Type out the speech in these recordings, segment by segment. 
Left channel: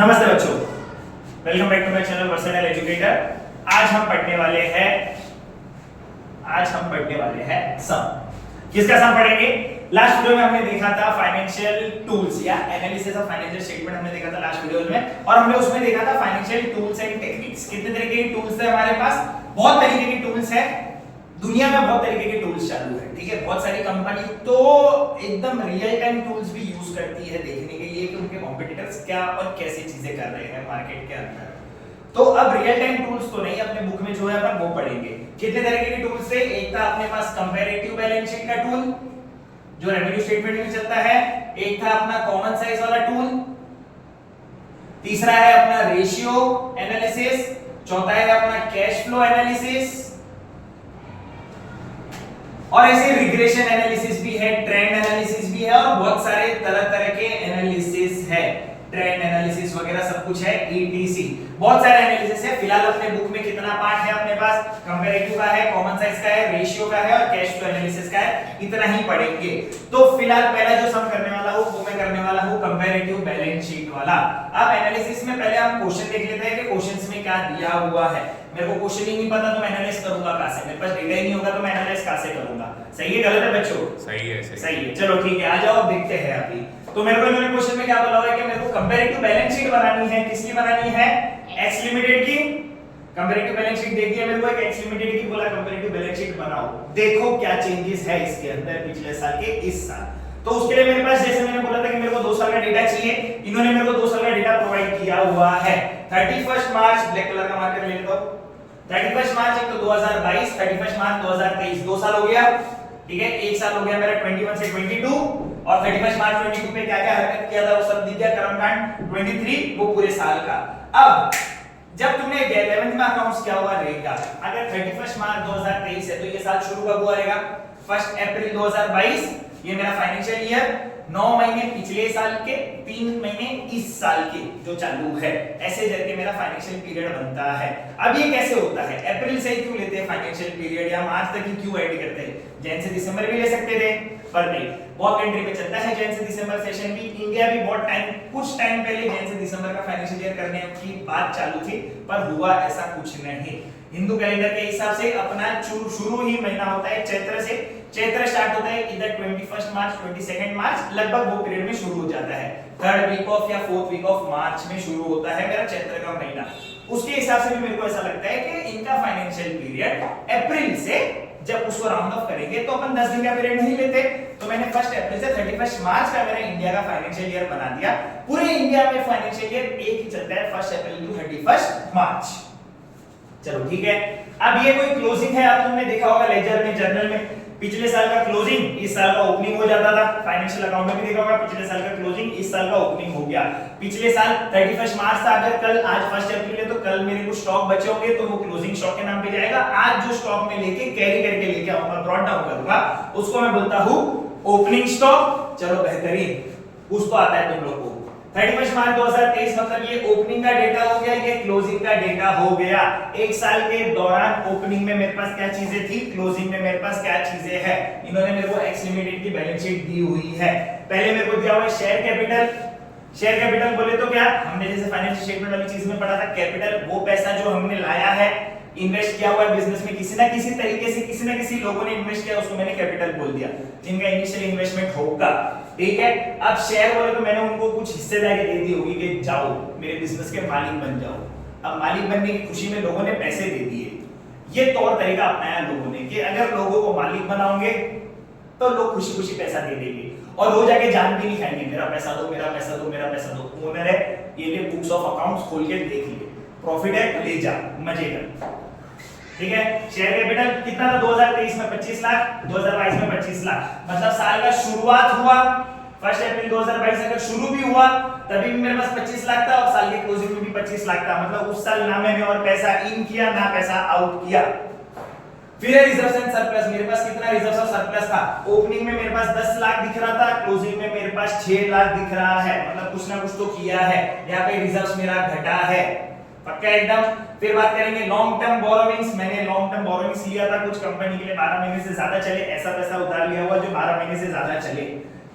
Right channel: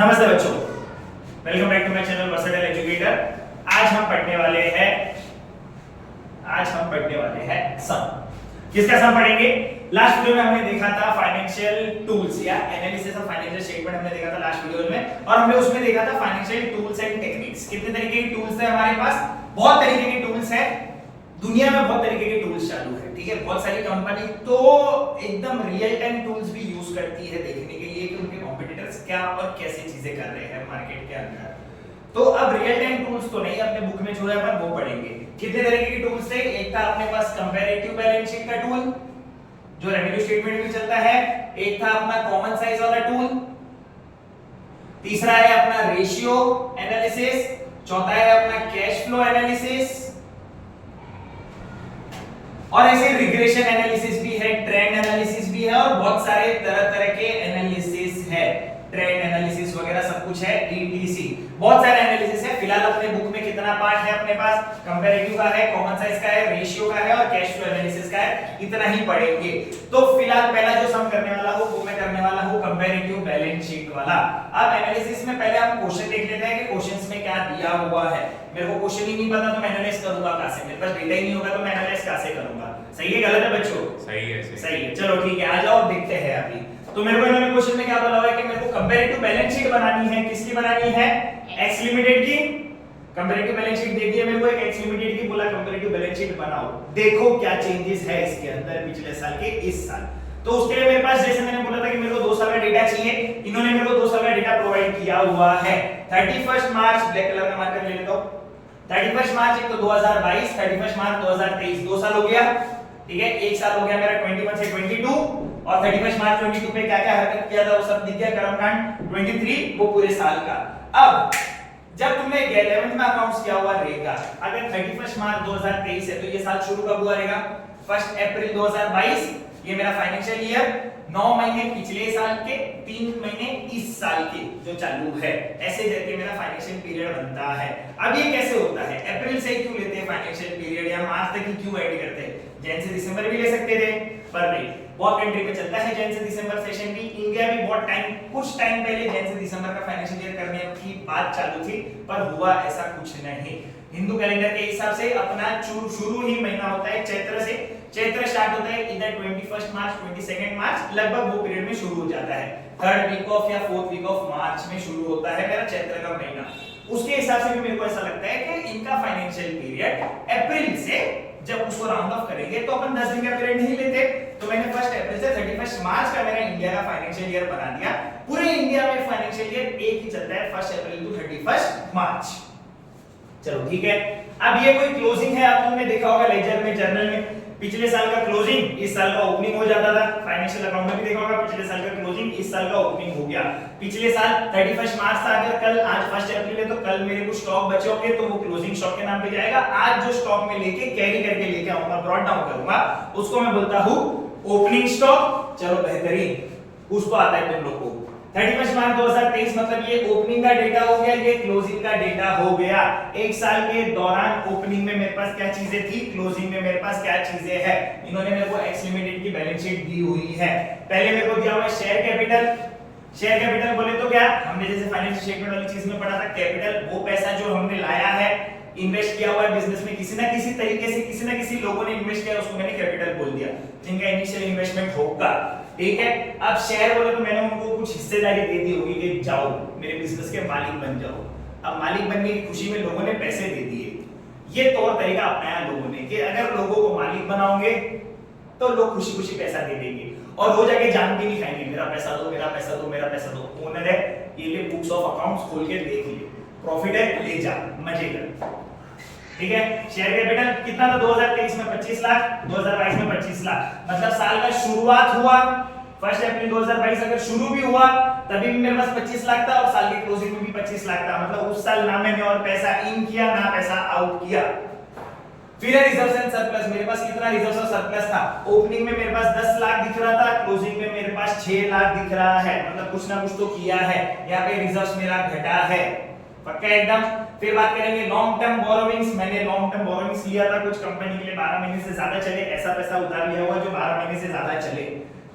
नमस्ते बच्चों, welcome back to my channel versatile educator. आज हम पढ़ने वाले हैं सम। किसका सम पढ़ेंगे? लास्ट वीडियो में हमने देखा था फाइनेंशियल टूल्स या एनालिसिस ऑफ फाइनेंशियल स्टेटमेंट हमने देखा था लास्ट वीडियो में, और हमने उसमें देखा था फाइनेंशियल टूल्स एंड टेक्निक्स। कितने तरीके के टूल्स है हमारे पास? बहुत तरीके के टूल्स है। दुनिया में बहुत तरीके के टूल्स चालू है, ठीक है। बहुत सारी कंपनी तो एकदम रियल टाइम टूल्स भी यूज करती है देखने के लिए कि उनके कॉम्पिटिटर्स क्या और कैसी चीजें कर रहे हैं मार्केट के अंदर। तो अब रियल टाइम टूल्स तो नहीं, अपने बुक में जो है अपन वो पढ़ेंगे। कितने तरीके के टूल्स थे? एक था अपने पास कंपैरेटिव बैलेंस शीट का टूल जो रेवेन्यू स्टेटमेंट में चलता है। एक था अपना कॉमन साइज वाला टूल। तीसरा है अपना रेशियो एनालिसिस। चौथा है अपना कैश फ्लो एनालिसिस। और ऐसे रिग्रेशन एनालिसिस भी है, ट्रेंड एनालिसिस भी है, और बहुत सारे तरह तरह के एनालिसिस है, ट्रेंड एनालिसिस वगैरह सब कुछ है, ईटीसी। बहुत सारे एनालिसिस है। फिलहाल अपने बुक में कितना पार्ट है अपने पास? कंपैरेटिव का है, कॉमन साइज का है, रेशियो का है और कैश फ्लो एनालिसिस का है। इतना ही पढ़ेंगे। तो फिलहाल पहला जो सम करने वाला हूं वो मैं करने वाला हूं कंपैरेटिव बैलेंस शीट वाला। अब एनालिसिस में पहले हम क्वेश्चन देख लेते हैं कि क्वेश्चंस में क्या दिया हुआ है। मेरे को क्वेश्चन ही नहीं पता तो मैं एनालाइज करूंगा कहां से? मेरे पास डेटा ही नहीं होगा तो मैं एनालाइज कहां से करूंगा? सही है गलत है बच्चों? सही है। सही है। चलो ठीक है, आ जाओ देखते हैं अभी। तो मेरे को इन्होंने क्वेश्चन में क्या बोला हुआ है कि मेरे को कंपैरेटिव बैलेंस शीट बनानी है। किसकी बनानी है? एक्स लिमिटेड की। कंपैरेटिव बैलेंस शीट दे दिया मेरे को, एक एक्स लिमिटेड की बोला कंपैरेटिव बैलेंस शीट बनाओ। देखो क्या चेंजेस है इसके अंदर पिछले साल के इस साल। तो उसके लिए मेरे पास जैसे मैंने बोला था कि मेरे को 2 साल का डेटा चाहिए, इन्होंने मेरे को 2 साल का डेटा प्रोवाइड किया हुआ है। 31 मार्च ब्लैक कलर का मार्कर ले लेता हूं। 31 मार्च एक तो 2022, 31 मार्च 2023, 2 साल हो गया, ठीक है। एक साल हो गया मेरा 21 से 22, और 31 मार्च 22 पे क्या क्या हरकत किया था वो सब दिख गया। कर्मकांड 23 वो पूरे साल का। अब जब तुमने 11th में अकाउंट्स किया हुआ रहेगा, अगर 31 मार्च 2023 है तो ये साल शुरू कब हुआ रहेगा? 1 अप्रैल 2022। ये मेरा फाइनेंशियल ईयर 9 महीने पिछले साल के, 3 महीने इस साल के जो चालू है, ऐसे करके मेरा फाइनेंशियल पीरियड बनता है। अब ये कैसे होता है? अप्रैल से क्यों लेते हैं फाइनेंशियल पीरियड, या मार्च तक ही क्यों ऐड करते हैं? जैन से दिसंबर भी ले सकते थे, पर नहीं। बहुत कंट्री में चलता है जैन से दिसंबर सेशन भी। इंडिया भी बहुत टाइम, कुछ टाइम पहले जैन से दिसंबर का फाइनेंशियल ईयर करने की बात चालू थी, पर हुआ ऐसा कुछ नहीं। हिंदू कैलेंडर के हिसाब से अपना शुरू ही महीना होता है चैत्र से। चैत्र स्टार्ट होता है इधर 21 मार्च 22 मार्च, लगभग वो पीरियड में शुरू हो जाता है। 3rd वीक ऑफ या 4th वीक ऑफ मार्च में शुरू होता है मेरा चैत्र का महीना। उसके हिसाब से भी मेरे को ऐसा लगता है कि इनका फाइनेंशियल पीरियड अप्रैल से, जब उसको राउंड ऑफ करेंगे तो अपन 10 दिन का पीरियड नहीं लेते। तो मैंने 1 अप्रैल से 31 मार्च का मेरा इंडिया का फाइनेंशियल ईयर बना दिया। पूरे इंडिया में फाइनेंशियल ईयर एक ही चलता है, 1 अप्रैल टू 31 मार्च। चलो ठीक है। अब ये कोई क्लोजिंग है, आप तुमने देखा होगा लेजर में, जर्नल में, पिछले साल का क्लोजिंग इस साल का ओपनिंग हो जाता था। फाइनेंशियल अकाउंट में भी देखा होगा, पिछले साल का क्लोजिंग इस साल का ओपनिंग हो गया। पिछले साल 31 मार्च था, अगर कल, आज 1 अप्रैल है तो कल मेरे कुछ स्टॉक बचे होंगे तो वो क्लोजिंग स्टॉक के नाम पे जाएगा। आज जो स्टॉक में लेके कैरी करके लेके आऊंगा, ब्रॉट डाउन करूंगा, उसको मैं बोलता हूं ओपनिंग स्टॉक। चलो बेहतरीन, उसको आता है तुम लोग को। 31 मार्च 2023 मतलब ये ओपनिंग का डेटा हो गया, ये क्लोजिंग का डेटा हो गया। एक साल के दौरान ओपनिंग में मेरे पास क्या चीजें थी, क्लोजिंग में मेरे पास क्या चीजें हैं। इन्होंने मेरे को एक्स लिमिटेड की बैलेंस शीट दी हुई है। पहले मेरे को दिया हुआ है शेयर कैपिटल। शेयर कैपिटल बोले तो क्या, हमने जैसे फाइनेंशियल स्टेटमेंट वाली चीज में पढ़ा था, कैपिटल वो पैसा जो हमने लाया है, इन्वेस्ट किया हुआ है बिजनेस में, किसी ना किसी तरीके से किसी ना किसी लोगों ने इन्वेस्ट किया, उसको मैंने कैपिटल बोल दिया, जिनका इनिशियल इन्वेस्टमेंट होगा, ठीक है। अब शेयर बोले तो मैंने उनको कुछ हिस्सेदारी दे दी होगी कि जाओ मेरे बिजनेस के मालिक बन जाओ। अब मालिक बनने की खुशी में लोगों ने पैसे दे दिए। ये तौर तरीका अपनाया लोगों ने कि अगर लोगों को मालिक बनाओगे तो लोग खुशी खुशी पैसा दे देंगे, और वो जाके जान भी नहीं खाएंगे, मेरा पैसा दो, मेरा पैसा दो, मेरा पैसा दो। ओनर है, ये ले बुक्स ऑफ अकाउंट्स खोल के देख ले, प्रॉफिट है ले जा, मजे कर, ठीक है। शेयर कैपिटल कितना था 2023 में? 25 लाख, 2022 में 25 लाख। मतलब साल का शुरुआत हुआ 1 अप्रैल 2022, अगर शुरू भी हुआ तभी भी मेरे पास 25 लाख था, और साल के क्लोजिंग में भी 25 लाख था। मतलब उस साल ना मैंने और पैसा इन किया ना पैसा आउट किया। फिर है रिजर्व्स एंड सरप्लस। मेरे पास कितना रिजर्व्स और सरप्लस था? ओपनिंग में मेरे पास 10 लाख दिख रहा था, क्लोजिंग में मेरे पास 6 लाख दिख रहा है। मतलब कुछ ना कुछ तो किया है, यहाँ पे रिजर्व्स मेरा घटा है, पक्का एकदम। फिर बात करेंगे लॉन्ग टर्म बोरोविंग्स। मैंने लॉन्ग टर्म बोरोविंग्स लिया था कुछ कंपनी के लिए, 12 महीने से ज्यादा चले, ऐसा पैसा उधार लिया हुआ जो 12 महीने से ज्यादा चले।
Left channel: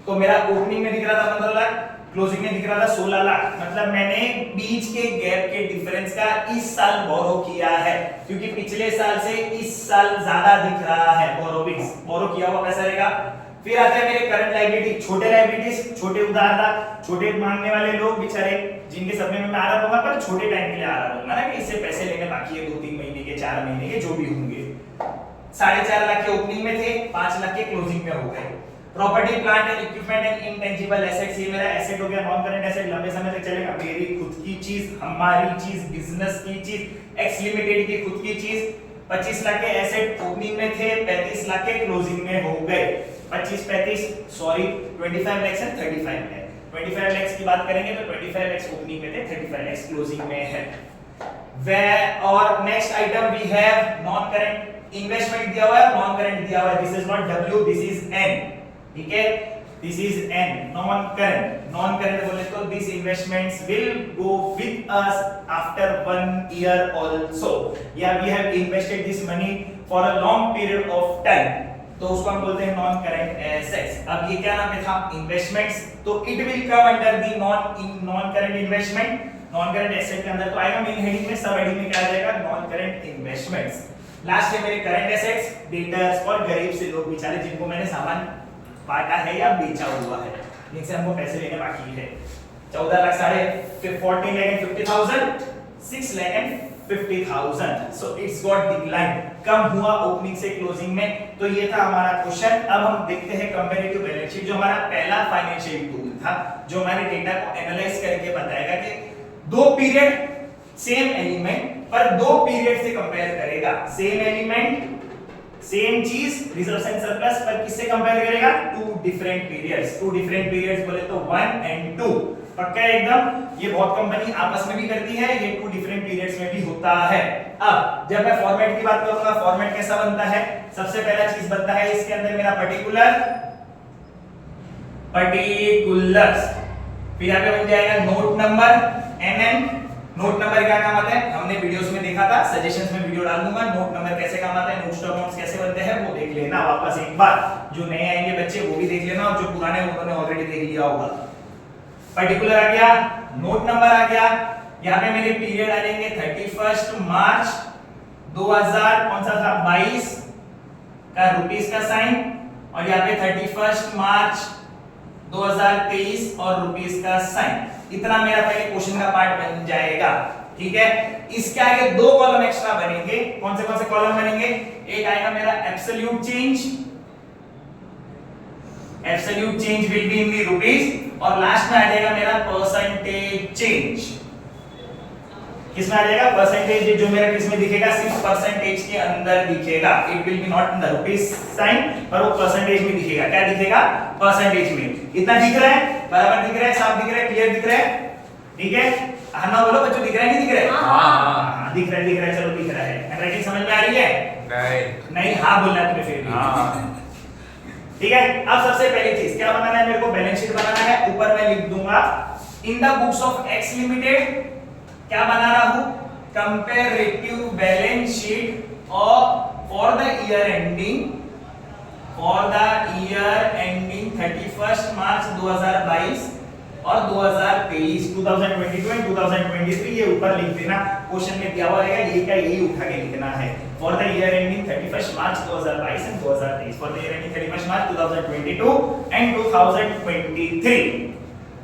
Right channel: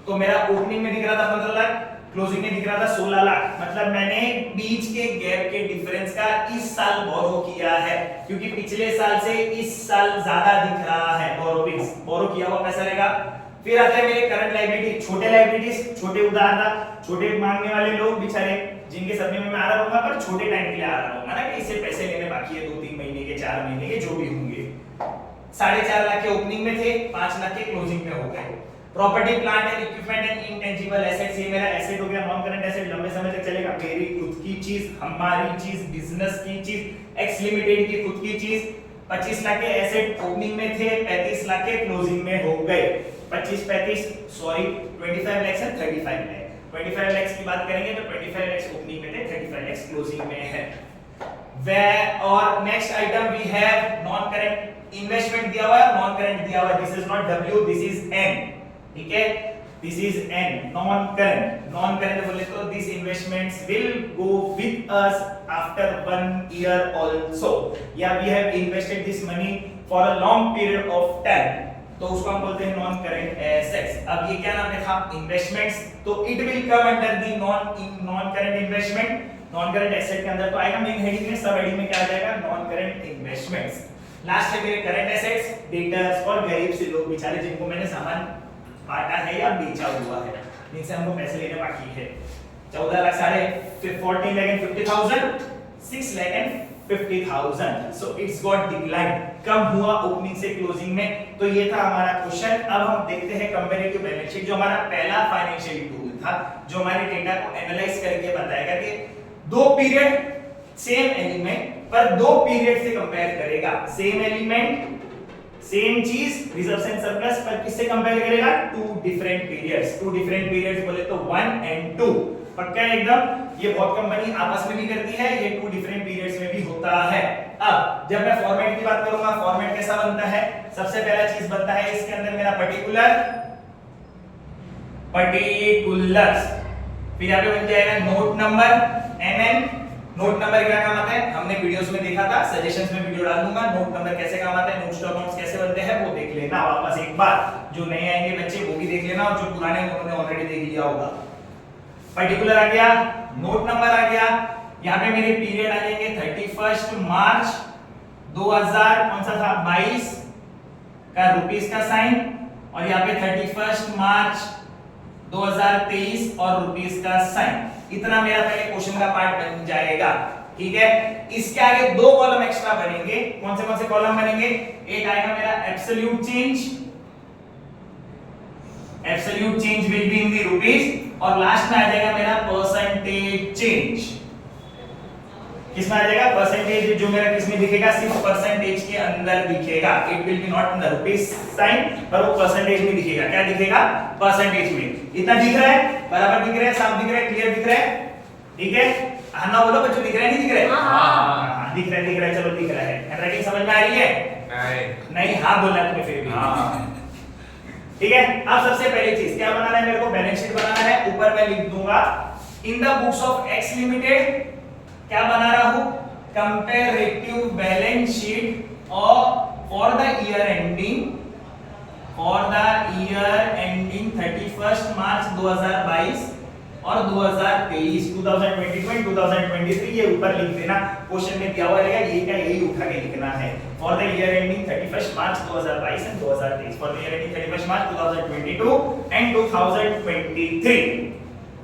तो मेरा ओपनिंग में दिख रहा था 15 लाख, क्लोजिंग में दिख रहा था 16 लाख, मतलब मैंने बीच के गैप के डिफरेंस का इस साल बोरो किया है, क्योंकि पिछले साल से इस साल ज्यादा दिख रहा है बोरोविंग्स, बोरो किया हुआ पैसा रहेगा। फिर आते हैं मेरे करंट लायबिलिटी, छोटे लायबिलिटीज, छोटे उधारदार, छोटे मांगने वाले लोग बेचारे जिनके सपने में मैं आ रहा हूँ, पर छोटे टाइम के लिए आ रहा हूँ ना, कि इससे पैसे लेने बाकी है 2-3 महीने के, 4 महीने के, जो भी होंगे। 4.5 लाख के ओपनिंग में थे, 5 लाख के क्लोजिंग में हो गए। Property plant and equipment and intangible assets, ये मेरा एसेट हो गया, नॉन करंट एसेट, लंबे समय तक चलेगा, मेरी खुद की चीज, हमारी चीज, बिजनेस की चीज, एक्स लिमिटेड की खुद की चीज। 25 लाख के एसेट ओपनिंग में थे, 35 लाख के क्लोजिंग में हो गए। 25 सॉरी 25 लाख से 35 लाख, 25 लाख की बात करेंगे तो 25 लाख ओपनिंग में थे, 35 लाख क्लोजिंग में है। और next item we have non current investment दिया हुआ है, नॉन करंट दिया हुआ है, this is not W, this is N, ठीक है, this is N, non current. Non current बोले तो this investments will go with us after 1 year also, या we have invested this money for a long period of time, तो उसको हम बोलते हैं नॉन करंट एसेट्स। अब ये क्या नाम है था, इन्वेस्टमेंट्स, तो it will come under the non current investment, non current asset के अंदर तो आएगा। मेन हेडिंग में, सब हेडिंग में क्या आ जाएगा, नॉन करंट इन्वेस्टमेंट्स। लास्ट है मेरे करंट एसेट्स, डेटर्स और गरीब से लोग बेचारे जिनको मैंने सामान बांटा है या बेचा हुआ है, जिनसे हमको पैसे लेने बाकी है। 14 लाख साढ़े 14 lakh 50,000, 6 lakh 50,000, so it's got decline, कम हुआ ओपनिंग से क्लोजिंग में। तो ये था हमारा क्वेश्चन। अब हम देखते हैं कंपैरेटिव बैलेंस शीट, जो हमारा पहला फाइनेंशियल टूल था, जो हमारे डेटा को एनालाइज करके बताएगा कि दो पीरियड सेम एलिमेंट पर दो पीरियड से कंपेयर करेगा, सेम एलिमेंट सेम चीज रिजर्व्स एंड सरप्लस, पर किससे कंपेयर करेगा, two different periods. Two different periods बोले तो 1 and 2, पक्का है एकदम। ये बहुत कंपनी आपस में भी करती है, ये टू डिफरेंट पीरियड्स में भी होता है। अब जब मैं फॉर्मेट की बात करूंगा, फॉर्मेट कैसा बनता है, सबसे पहला चीज बनता है इसके अंदर मेरा पर्टिकुलर्स, फिर यहाँ पे बन जाएगा note number NN। Note number क्या काम आता है, हमने वीडियोस में देखा था, सजेशंस में वीडियो डाल दूंगा, नोट नंबर कैसे काम आता है, नोट्स टू अकाउंट्स कैसे बनते हैं वो देख लेना वापस एक बार, जो नए आएंगे बच्चे वो भी देख लेना, और जो पुराने उन्होंने ऑलरेडी देख लिया होगा। पर्टिकुलर आ गया, नोट नंबर आ गया, यहाँ पे मेरे पीरियड आ जाएंगे 31 मार्च 2000 कौन सा था 22 का रुपीस का साइन, और यहाँ पे 31 मार्च 2023 और रुपीस का साइन। इतना मेरा पहले क्वेश्चन का पार्ट बन जाएगा, ठीक है। इसके आगे दो कॉलम एक्स्ट्रा बनेंगे, कौन से कॉलम बनेंगे, एक आएगा मेरा absolute change, absolute change will be in the rupees, और लास्ट में आ जाएगा मेरा परसेंटेज चेंज। किसमें आ जाएगा, परसेंटेज, जो मेरा किसमें दिखेगा, सिर्फ परसेंटेज के अंदर दिखेगा, it will be not in the rupees sign, पर वो परसेंटेज में दिखेगा। क्या दिखेगा, परसेंटेज में। इतना दिख रहा है, बराबर दिख रहा है, साफ दिख रहा है, क्लियर दिख रहा है, ठीक है। हाँ ना बोलो बच्चों, दिख रहा है नहीं दिख रहा है, हाँ दिख रहा है, चलो दिख रहा है। हैंडराइटिंग समझ में आ रही है, नहीं हाँ बोलना है तुम्हें फिर भी, ठीक है। अब सबसे पहली चीज क्या बनाना है, मेरे को बैलेंस शीट बनाना है। ऊपर मैं लिख दूंगा in the books of x limited, क्या बना रहा हूं, comparative balance sheet of for the year ending 31 March 2022 और 2023, 2022 एंड 2023, ये ऊपर लिख देना, क्वेश्चन में दिया हुआ रहेगा, ये क्या, यही उठा के लिखना है। For the year ending 31 March 2022 and 2023, for the year ending 31 March 2022 and 2023।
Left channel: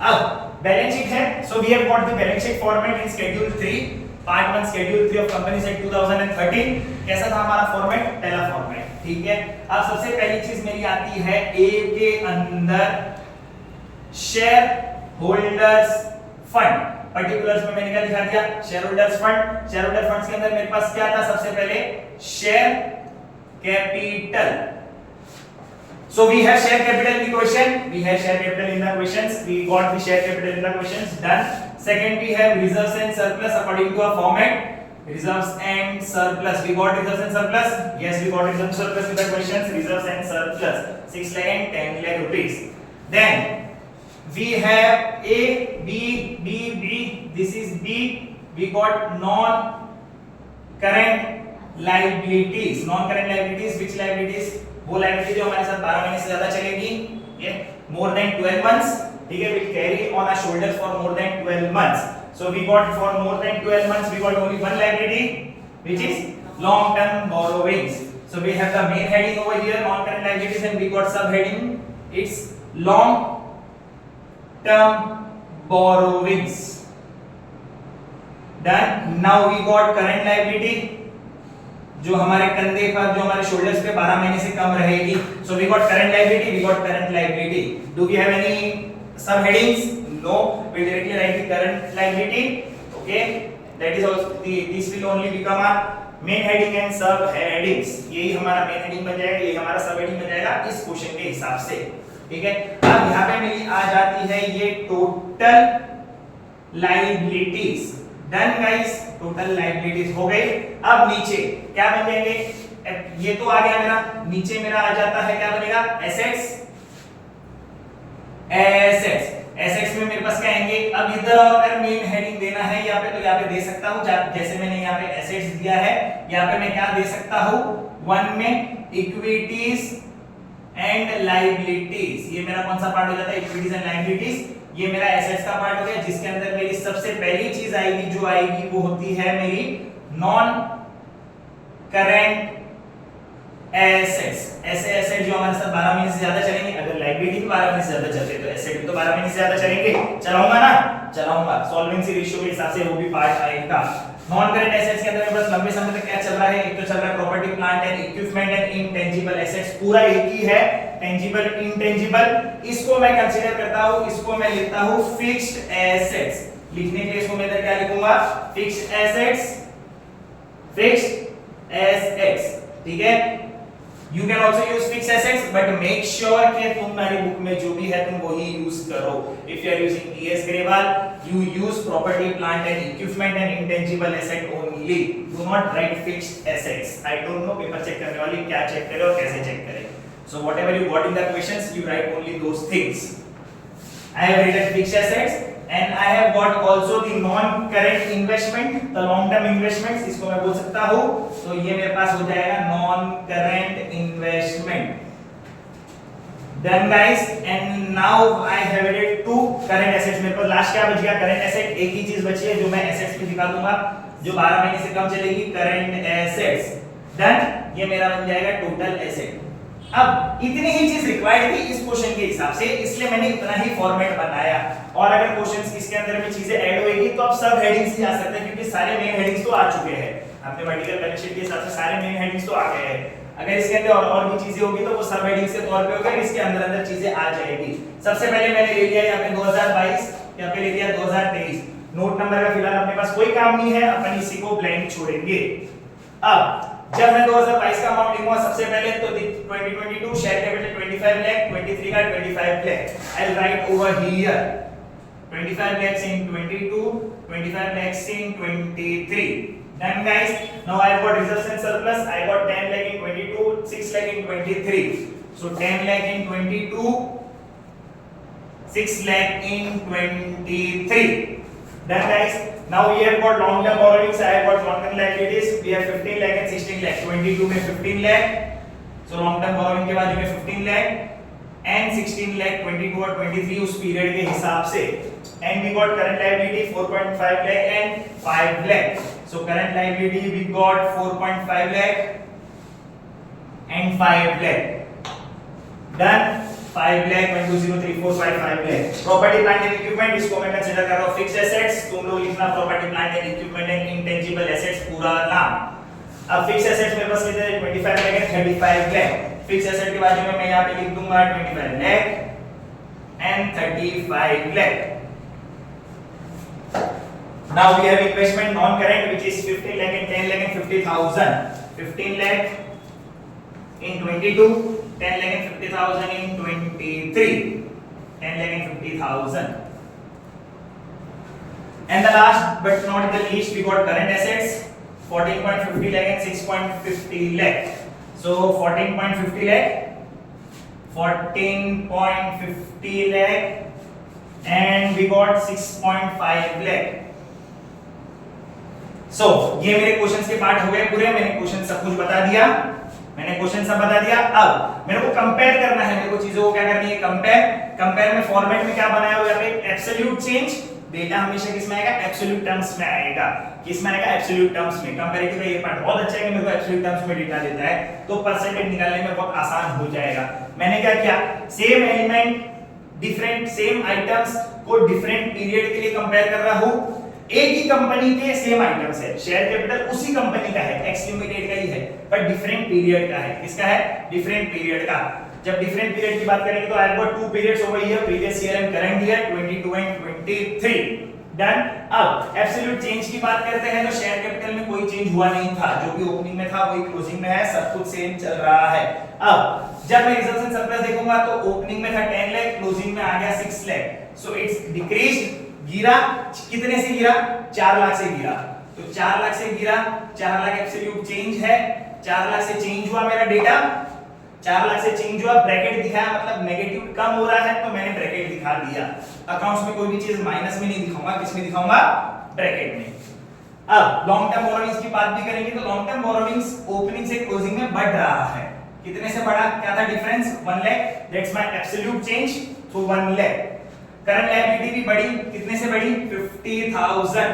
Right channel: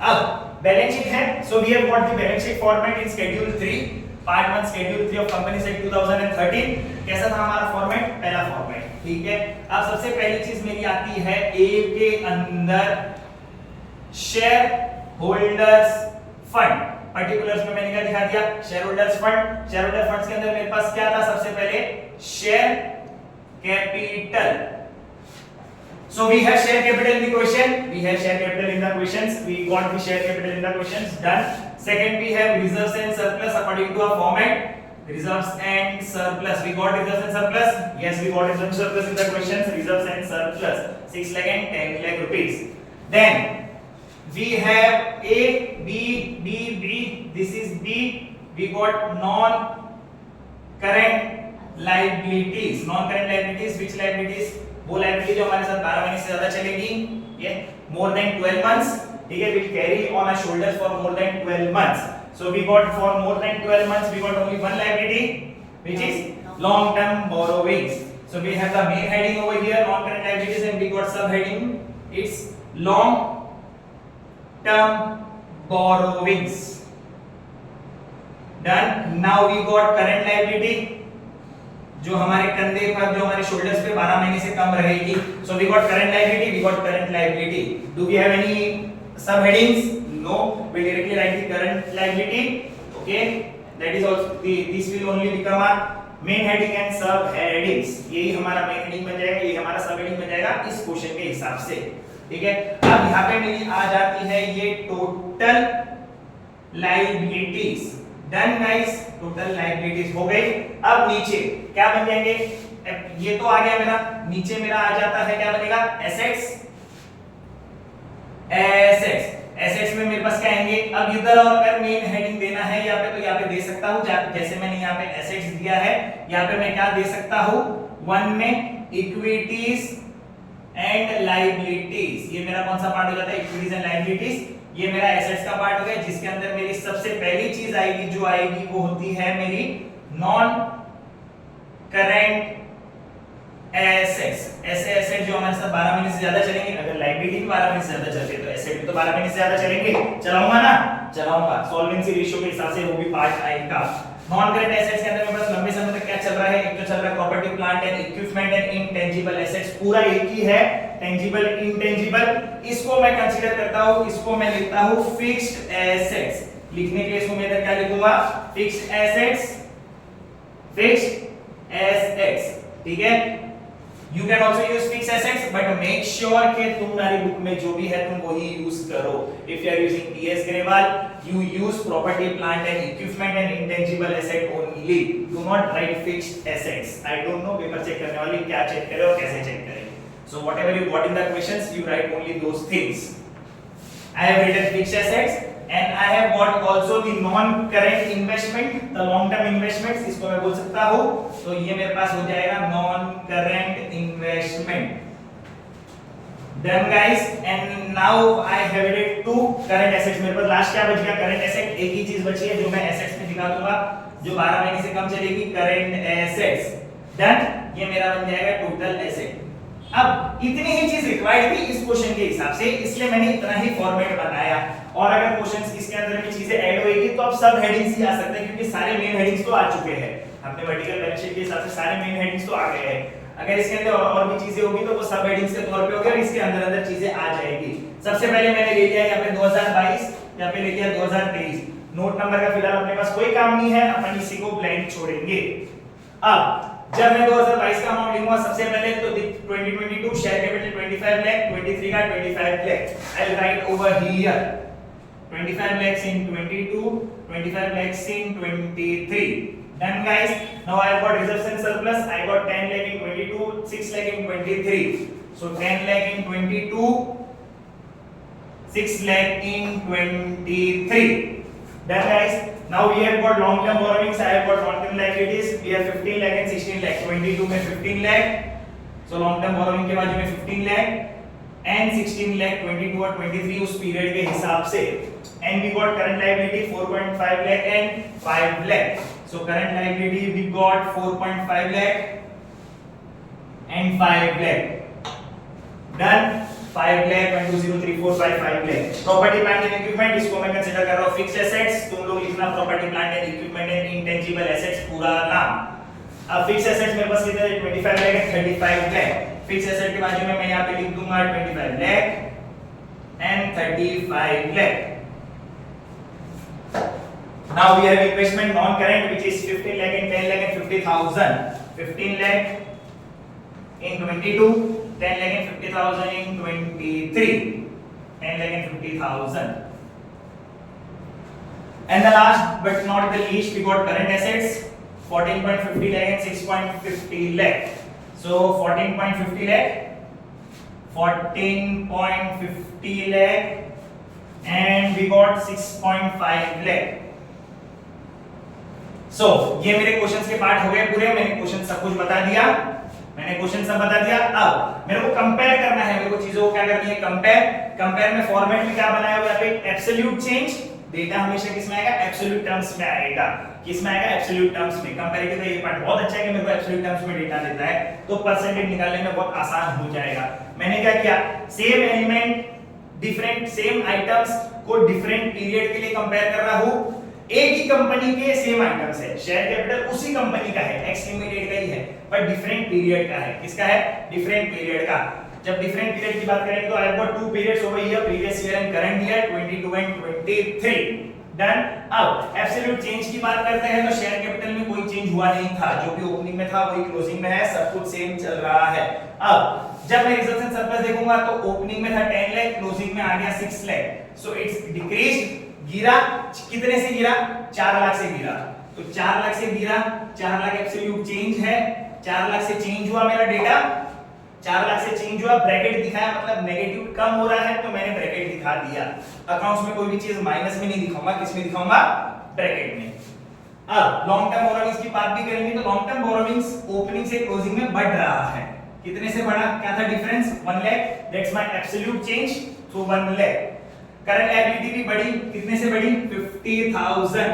अब बैलेंस शीट है, so we have got the balance sheet format in schedule 3 part 1 schedule 3 of companies act 2013। कैसा था हमारा फॉर्मेट, पहला फॉर्मेट, ठीक है। अब सबसे पहली चीज मेरी आती है ए के अंदर शेयर होल्डर्स फंड। पर्टिकुलर्स में मैंने क्या दिखा दिया, share holders fund. Share holder funds के अंदर मेरे पास क्या था, सबसे पहले share capital. So we have share capital in the question. We have share capital in the questions. We got the share capital in the questions. Done. Second, we have reserves and surplus according to a format. Reserves and surplus. We got reserves and surplus. Yes, we got reserves and surplus in the questions. Reserves and surplus. 6 lakh and 10 lakh rupees. Then we have A, B. This is B. We got non-current liabilities. Non-current liabilities. Which liabilities? वो liability जो हमारे साथ 12 महीने से ज्यादा चलेगी, ये more than 12 months, ठीक है, which carry on our shoulders for more than 12 months. So we got for more than 12 months we got only one liability, which is long term borrowings. So we have the main heading over here, non current liabilities, and we got subheading, it's long term borrowings. Done. Now we got current liability, जो हमारे कंधे पर, जो हमारे shoulders पे 12 महीने से कम रहेगी. So we got current liability, we got current liability. Do we have any subheadings? No. We directly write the current liability. Okay. That is also this will only become a main heading and subheadings. यही हमारा main heading बन जाएगा, यही हमारा subheading बन जाएगा इस question के हिसाब से. ठीक है. अब यहाँ पे मेरी आ जाती है ये total liabilities. Done guys, total liabilities हो गई. अब नीचे क्या बन जाएंगे, ये तो आ गया मेरा, नीचे मेरा आ जाता है क्या बनेगा, एसेट्स. एसेट्स में मेरे पास क्या आएंगे, अब इधर और अगर मेन हेडिंग देना है यहाँ पे तो यहाँ पे दे सकता हूँ, जैसे मैंने यहाँ पे एसेट्स दिया है, यहाँ पे मैं क्या दे सकता हूँ, वन में इक्विटीज एंड लायबिलिटीज. ये मेरा कौन सा पार्ट हो जाता है, इक्विटीज एंड लायबिलिटीज. ये मेरा एसेट्स का पार्ट हो गया, जिसके अंदर मेरी सबसे पहली चीज आएगी, जो आएगी वो होती है मेरी नॉन करंट एसेट्स. ऐसे एसेट जो हमारे साथ 12 महीने से ज्यादा चलेंगे, अगर लायबिलिटी भी 12 महीने से ज्यादा चलते तो एसेट भी तो 12 महीने से ज्यादा चलेंगे. चलाऊंगा ना, चलाऊंगा. सॉल्वेंसी रेशियो के हिसाब से वो भी पार्ट आएगा. नॉन करंट एसेट्स के अंदर मेरे पास लंबे समय तक क्या चल रहा है, एक तो चल रहा है property plant and equipment and intangible assets. पूरा एक ही है, टेंजिबल इंटेंजिबल. इसको मैं कंसीडर करता हूं, इसको मैं लिखता हूं फिक्स्ड एसेट्स. लिखने के लिए इसको मैं इधर क्या लिखूंगा, फिक्स्ड एसेट्स, फिक्स्ड एसेट्स. ठीक है. You can also use fixed assets, but make sure कि तुम्हारी बुक में जो भी है तुम वही यूज करो. If you are using T.S. Grewal, you use property, plant and equipment and intangible asset only. Do not write fixed assets. I don't know paper check करने वाले क्या चेक करे और कैसे चेक करे. So whatever you got in the questions, you write only those things. I have written fixed assets and I have got also the non-current investment, the long-term investments. इसको मैं बोल सकता हूँ. तो ये मेरे पास हो जाएगा non-current investment. Done guys. And now I have added two current assets. मेरे पास लास्ट क्या बच गया, current asset. एक ही चीज बची है जो मैं assets में दिखा दूंगा, जो 12 महीने से कम चलेगी, current assets. Done. ये मेरा बन जाएगा total asset. अब इतनी ही चीज रिक्वायर्ड थी इस क्वेश्चन के हिसाब से, इसलिए मैंने इतना ही फॉर्मेट बनाया. और अगर क्वेश्चंस इसके अंदर में चीजें ऐड होएगी तो अब सब हेडिंग्स ही आ सकते हैं, क्योंकि सारे मेन हेडिंग्स तो आ चुके हैं. अपने वर्टिकल बैलेंस शीट के हिसाब से सारे मेन हेडिंग्स तो आ गए हैं. अगर इसके अंदर और भी चीजें होगी तो वो सब हेडिंग्स के तौर पे होगा, इसके अंदर अंदर चीजें आ जाएगी. सबसे पहले मैंने ले लिया यहाँ पे 2022, यहाँ पे ले लिया 2023. नोट नंबर का फिलहाल अपने पास कोई काम नहीं है, अपन इसी को ब्लैंक छोड़ेंगे. अब जब मैं 2022 का अमाउंट लिखूंगा, सबसे पहले तो 2022 शेयर कैपिटल 25 लाख, 23 का 25 lakh. I will write over here 25 lakhs in 22, 25 lakhs in 23. Done guys. Now I have got reserves and surplus. I got 10 lakh in 22, 6 lakh in 23. So 10 lakh in 22, 6 lakh in 23. Done guys. Now we have got long term borrowings. I have got long term liabilities. We have 15 lakh and 16 lakh. 22 में 15 lakh. So long term borrowing के बाद में 15 lakh and 16 lakh, 22 और 23 उस period के हिसाब से. And we got current liability 4.5 lakh and 5 lakh. So current liability we got 4.5 lakh and 5 lakh. Done. 5 lakh 1 2 0 3 4 5 5 lakh. Property plant and equipment इसको मैं कंसीडर कर रहा हूँ fixed assets. तुम लोग लिखना property plant and equipment and intangible assets पूरा नाम. अब fixed assets मेरे पास कितने 25 lakh and 35 lakh. fixed asset के बाजू में मैं यहाँ पे लिख दूंगा 25 lakh and 35 lakh. Now we have investment non-current which is 15 lakh and 10 lakh and 50,000. 15 lakh in 22, 10 lakh and 50,000 in 23. 10 lakh and 50,000. And the last but not the least, we got current assets 14.50 lakh and 6.50 lakh. So 14.50 lakh, 14.50 lakh and we got 6.5 lakh. So ये मेरे questions के part हो गए पूरे. मैंने question सब कुछ बता दिया. मैंने क्वेश्चन सब बता दिया। अब मेरे को कंपेयर करना है, मेरे को चीजों को क्या करनी है, कंपेयर में फॉर्मेट में क्या बनाया हुआ है, एब्सोल्यूट चेंज। डेटा हमेशा किस में आएगा, एब्सोल्यूट टर्म्स में आएगा। किस में आएगा, एब्सोल्यूट टर्म्स में। कंपैरेटिव का ये पार्ट बहुत अच्छा है कि मेरे को एब्सोल्यूट टर्म्स में डेटा देता है, तो परसेंटेज निकालने में बहुत आसान हो जाएगा। मैंने क्या किया, same element different same items को डिफरेंट पीरियड के लिए कंपेयर कर रहा हूं। एक ही कंपनी के सेम आइटम्स है, शेयर कैपिटल उसी कंपनी का है, एक्स लिमिटेड का ही है, पर डिफरेंट पीरियड का है। किसका है, डिफरेंट पीरियड का। जब डिफरेंट पीरियड की बात करेंगे तो I have got two periods over here, previous year and current year, 22 and 23। Done. अब एब्सोल्यूट चेंज की बात करते हैं तो शेयर कैपिटल में कोई चेंज हुआ नहीं था, जो भी ओपनिंग में था वही क्लोजिंग में है, सब कुछ सेम चल रहा है। अब जब मैं रिजल्ट एंड सरप्लस देखूंगा तो ओपनिंग में था 10 लाख, क्लोजिंग में आ गया 6 लाख, सो इट्स डिक्रीज्ड, गिरा। कितने से गिरा, 4 लाख से गिरा। तो 4 लाख से गिरा, 4 लाख एब्सोल्यूट चेंज है, 4 लाख से चेंज हुआ मेरा डेटा, 4 लाख से चेंज हुआ, ब्रैकेट दिखाया, मतलब नेगेटिव कम हो रहा है तो मैंने ब्रैकेट दिखा दिया। अकाउंट्स में कोई भी चीज माइनस में नहीं दिखाऊंगा, किस में दिखाऊंगा, ब्रैकेट में। अब लॉन्ग टर्म बोरोविंग्स की बात भी करेंगे तो लॉन्ग टर्म बोरोविंग्स ओपनिंग से क्लोजिंग में बढ़ रहा है। कितने से बढ़ा, क्या था difference, 1 lakh, that's my absolute change, so 1 lakh. Current liability भी बढ़ी, कितने से बढ़ी, 50,000,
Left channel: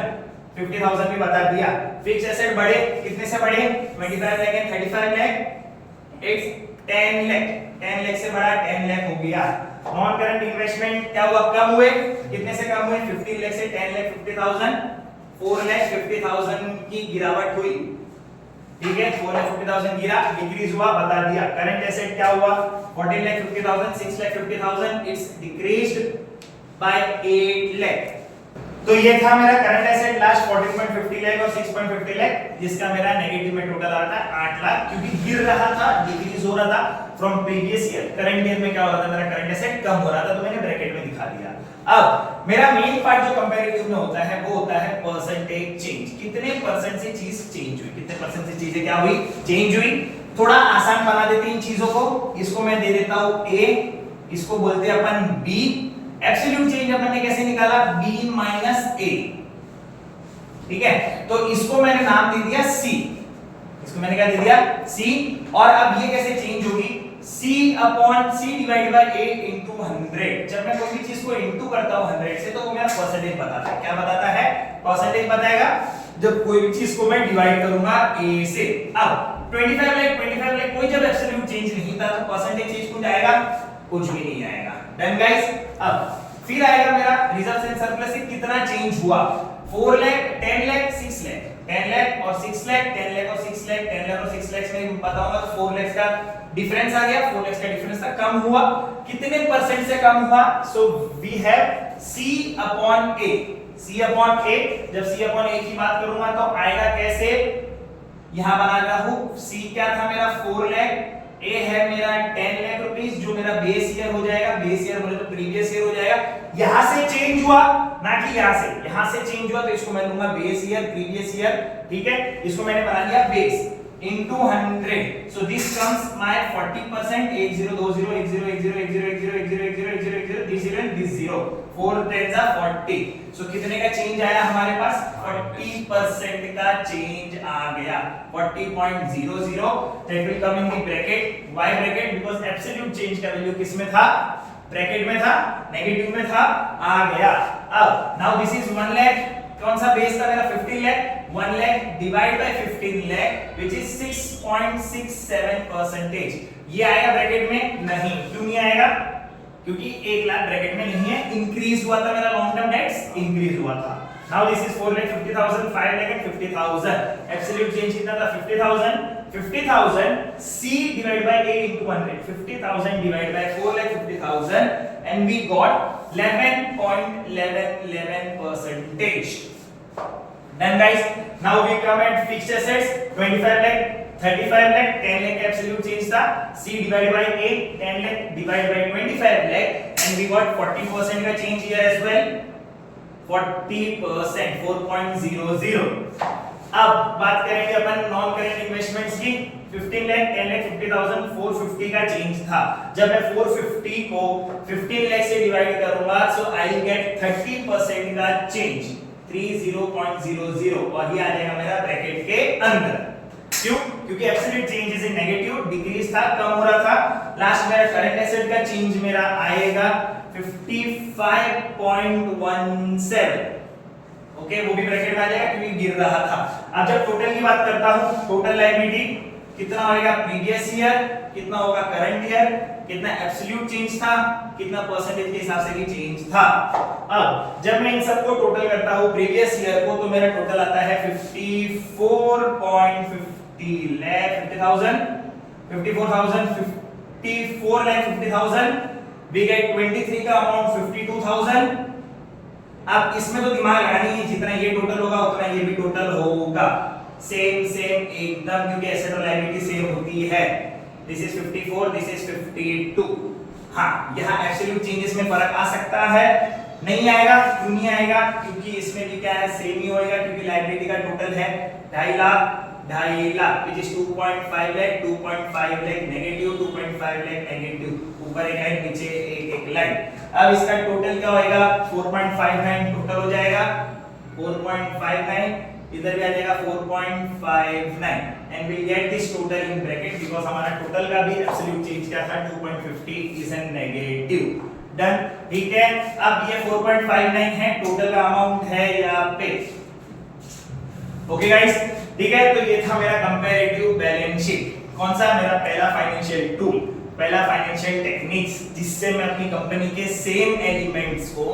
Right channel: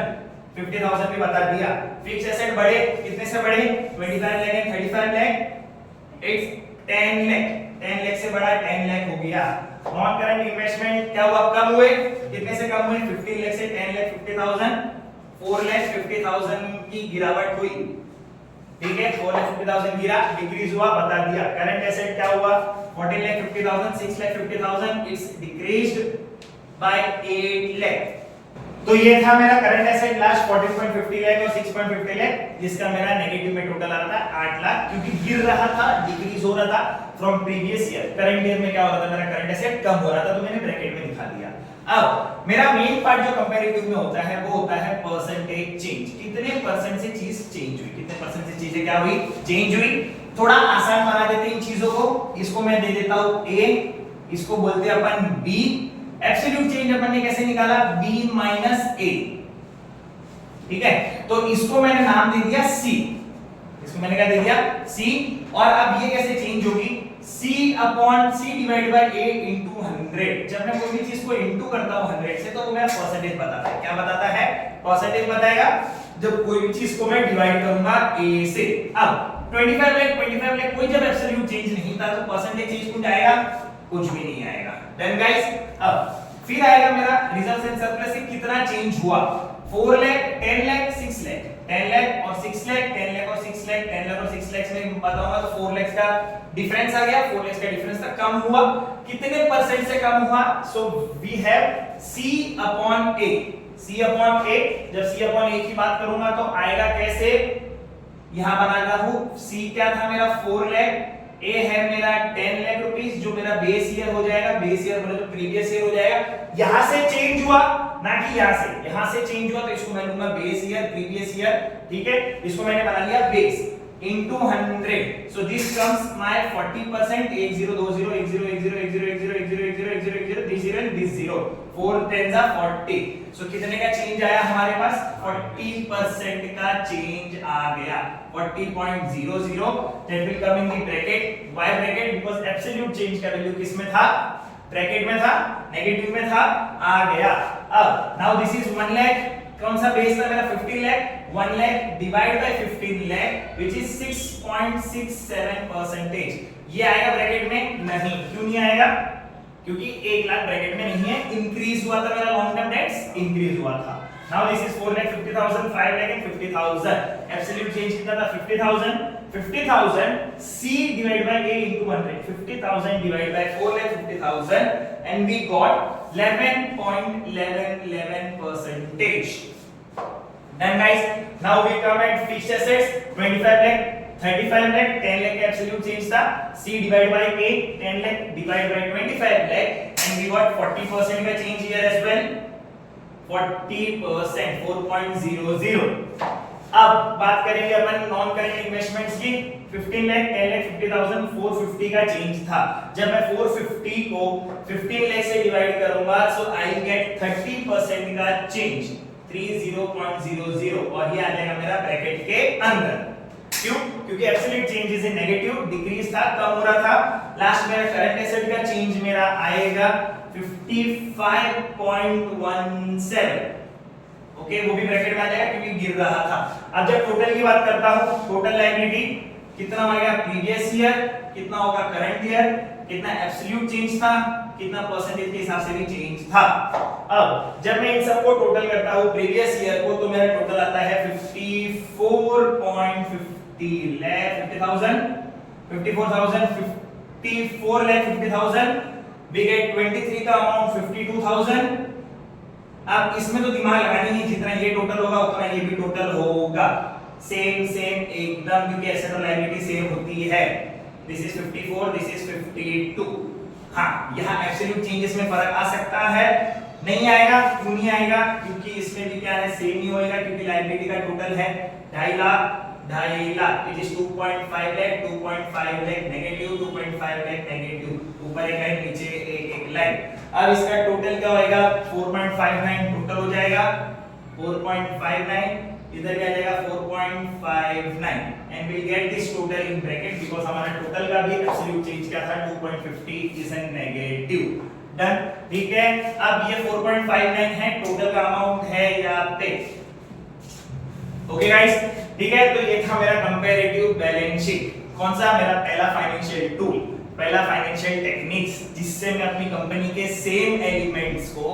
50,000 भी बता दिया। फिक्स एसेट बढ़े, कितने से बढ़े, 25 लाख एंड 35 लाख, इट्स 10 लाख, 10 लाख से बढ़ा, 10 लाख हो गया। नॉन करंट इन्वेस्टमेंट क्या हुआ, कम हुए, कितने से कम हुए, 15 लाख से 10 लाख 50,000, 4 लाख 50,000 की गिरावट हुई। ठीक है, 4 लाख 50,000 गिरा, डिक्रीज हुआ, बता दिया। करंट एसेट क्या हुआ, 14 lakh 50,000, 6 lakh 50,000, it's decreased bye 8 lakh. तो ये था मेरा करंट एसेट लास्ट 14.50 लाख और 6.50 लाख, जिसका मेरा नेगेटिव में टोटल आ रहा था 8 लाख, क्योंकि गिर रहा था, डिक्रीज हो रहा था from previous year. Current year में क्या हो रहा था, मेरा करंट एसेट कम हो रहा था, तो मैंने ब्रैकेट में दिखा दिया। अब मेरा मेन पार्ट जो कंपैरेटिव में होता है वो होता है परसेंटेज चेंज। कितने परसेंट से चीज चेंज हुई, कितने परसेंट से चीजें क्या हुई, चेंज हुई। थोड़ा आसान बना देते हैं इन चीजों को। इसको मैं दे देता हूं A, इसको बोलते हैं अपन B। एब्सोल्यूट चेंज अपन ने कैसे निकाला, B माइनस A। ठीक है, तो इसको मैंने नाम दे दिया C, इसको मैंने क्या दे दिया, C। और अब ये कैसे चेंज होगी, C upon C divide by A into 100। जब मैं कोई भी चीज को इंटू करता हूं 100 से तो वो मेरा परसेंटेज बताता है। क्या बताता है, परसेंटेज बताएगा। जब कोई भी चीज को मैं डिवाइड करूंगा A से। अब 25 लाख कोई जब एब्सोल्यूट चेंज नहीं था तो परसेंटेज चेंज कुछ आएगा, कुछ भी नहीं आएगा। Done guys. अब फिर आएगा मेरा रिजर्व एंड सरप्लस से कितना चेंज हुआ, 4 लाख, 10 लाख, 6 लाख, 10 लाख और 6 लाख, 10 लाख और 6 लाख, 10 लाख और 6 लाख में बताऊंगा तो 4 लाख का डिफरेंस आ गया। 4 लाख का डिफरेंस था, कम हुआ, कितने परसेंट से कम हुआ, so we have C upon A। C upon A, जब C अपॉन A की बात करूंगा तो आएगा कैसे, यहां बना रहा हूं, C क्या था मेरा 4 लाख, A है मेरा 10 लाख रुपीस, जो मेरा बेस ईयर हो जाएगा, बेस ईयर बोले तो प्रीवियस ईयर हो जाएगा। यहां से चेंज हुआ, ना कि यहां से चेंज हुआ, तो इसको मैं लूंगा बेस ईयर, प्रीवियस ईयर। ठीक है, इसको मैंने बना लिया base into 100, so this comes my 40%, 8020 this 0 and this 0, 4 10s are 40, so कितने का चेंज आया हमारे पास, 40% का चेंज आ गया, 40.00, that will come in the bracket, why bracket, because absolute change का वैल्यू किस में था, ब्रैकेट में था, नेगेटिव में था, आ गया। अब now this is 1 lakh, कौन सा बेस था मेरा 15 lakh, 1 lakh divide by 15 lakh which is 6.67%। ये आएगा ब्रैकेट में, नहीं, क्यों नहीं आएगा, क्योंकि 1 लाख ब्रैकेट में नहीं है, इंक्रीज हुआ था मेरा लॉन्ग टर्म डेट्स, इंक्रीज हुआ था। Now this is 4 lakh 50,000, 5 lakh and 50,000, absolute change कितना था 50,000, 50,000 C divided by A into 100, 50,000 divided by 4 lakh 50,000 and we got 11.11%. Then guys, now we come at fixed assets, 25 lakh, 35 lakh, 10 lakh absolute change था, C divided by A, 10 lakh divided by 25 lakh and we got 40% का change here as well, 40%, 4.00। अब बात करेंगे अपन non current investments की। 15 लाख, 10 लाख, 50,000, 450 का change था। जब मैं 450 को 15 लाख से डिवाइड करूंगा सो आई गेट 30% का चेंज, 30.00, और ये आ जाएगा मेरा ब्रैकेट के अंदर। क्यों, क्योंकि absolute change is negative, decrease था, कम हो रहा था। लास्ट मेरा करंट एसेट का चेंज मेरा आएगा 55.17। ओके, वो भी ब्रैकेट में आ जाएगा क्योंकि गिर रहा था। अब जब टोटल की बात करता हूं, टोटल लायबिलिटी कितना होगा प्रीवियस ईयर, कितना होगा करंट ईयर, कितना एब्सोल्यूट चेंज था, कितना परसेंटेज के हिसाब से भी चेंज था। अब जब मैं इन सबको टोटल करता हूं प्रीवियस ईयर को, तो मेरा टोटल आता है 54.50 लाख 50,000, 54,50,000। वी गेट 23 का अमाउंट 52,000। अब इसमें तो दिमाग लगानी है, जितना ये टोटल होगा उतना ये भी टोटल होगा। सेम एकदम, क्योंकि एसेट और लायबिलिटी सेम होती है। This is 54, this is 52। हाँ, यहाँ एब्सोल्यूट चेंजेस में फर्क आ सकता है, नहीं आएगा। क्यों नहीं आएगा? क्योंकि इसमें भी क्या है, सेम ही होएगा, क्योंकि लायबिलिटी का टोटल है 2.5 lakh, 2.5 lakh which is 2.5 lakh, 2.5 lakh negative, 2.5 lakh negative, ऊपर एक लाइन नीचे एक लाइन। अब इसका टोटल क्या होएगा, 4.59 टोटल हो जाएगा, 4.59, इधर भी आ जाएगा 4.59 and we get this total in bracket because हमारा टोटल का भी एब्सोल्यूट चेंज क्या था 2.50 इज एन नेगेटिव। डन, ठीक है। अब ये 4.59 है, टोटल का अमाउंट है यहाँ पे। ओके गाइस, ठीक है। तो ये था मेरा कंपैरेटिव बैलेंस शीट। कौन सा? मेरा पहला फाइनेंशियल टूल, पहला फाइनेंशियल टेक्निक्स, जिससे मैं अपनी कंपनी के सेम एलिमेंट्स को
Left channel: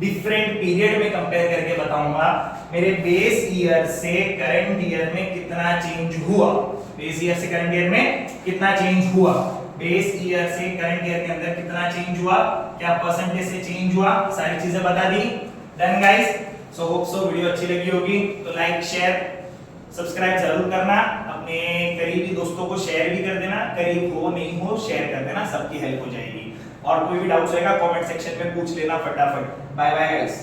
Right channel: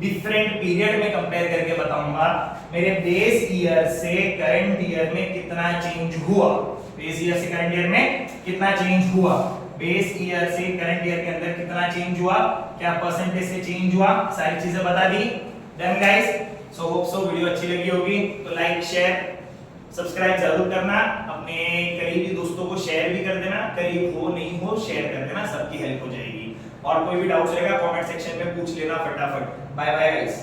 डिफरेंट पीरियड में कंपेयर करके बताऊंगा मेरे बेस ईयर से करंट ईयर में कितना चेंज हुआ, बेस ईयर से करंट ईयर में कितना चेंज हुआ, बेस ईयर से करंट ईयर के अंदर कितना चेंज हुआ, क्या परसेंटेज से चेंज हुआ, सारी चीजें बता दी। Done guys, so hope so video अच्छी लगी होगी, तो लाइक शेयर सब्सक्राइब जरूर करना, अपने करीबी दोस्तों को शेयर भी कर देना, करीब हो नहीं हो शेयर कर देना, सबकी हेल्प हो जाएगी। और कोई भी डाउट्स रहेगा कमेंट सेक्शन में पूछ लेना फटाफट। Bye bye guys.